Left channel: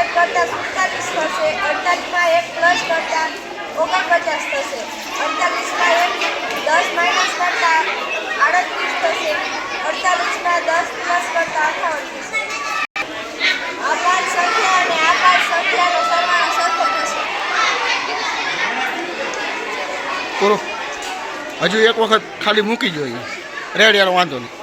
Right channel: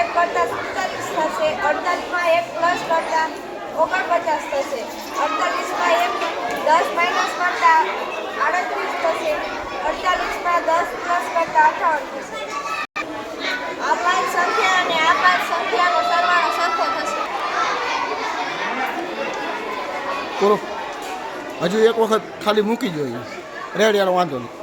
1 કરતાં 47 થશે. 48માં 1 પ્લસ કરતાં 49 થશે. 48માં 1 10 માઇનસ કરતાં 38 થશે. 48માં 10 પ્લસ કરતાં 58 થશે. આ 5 સંખ્યા અને આ 5 સંખ્યાનો સરવાળો સરખો થશે. પૂરો. હજુ એક વખત ખાલી મૂકી જોઈએ. રેડી, હાલો વાંધો નહીં.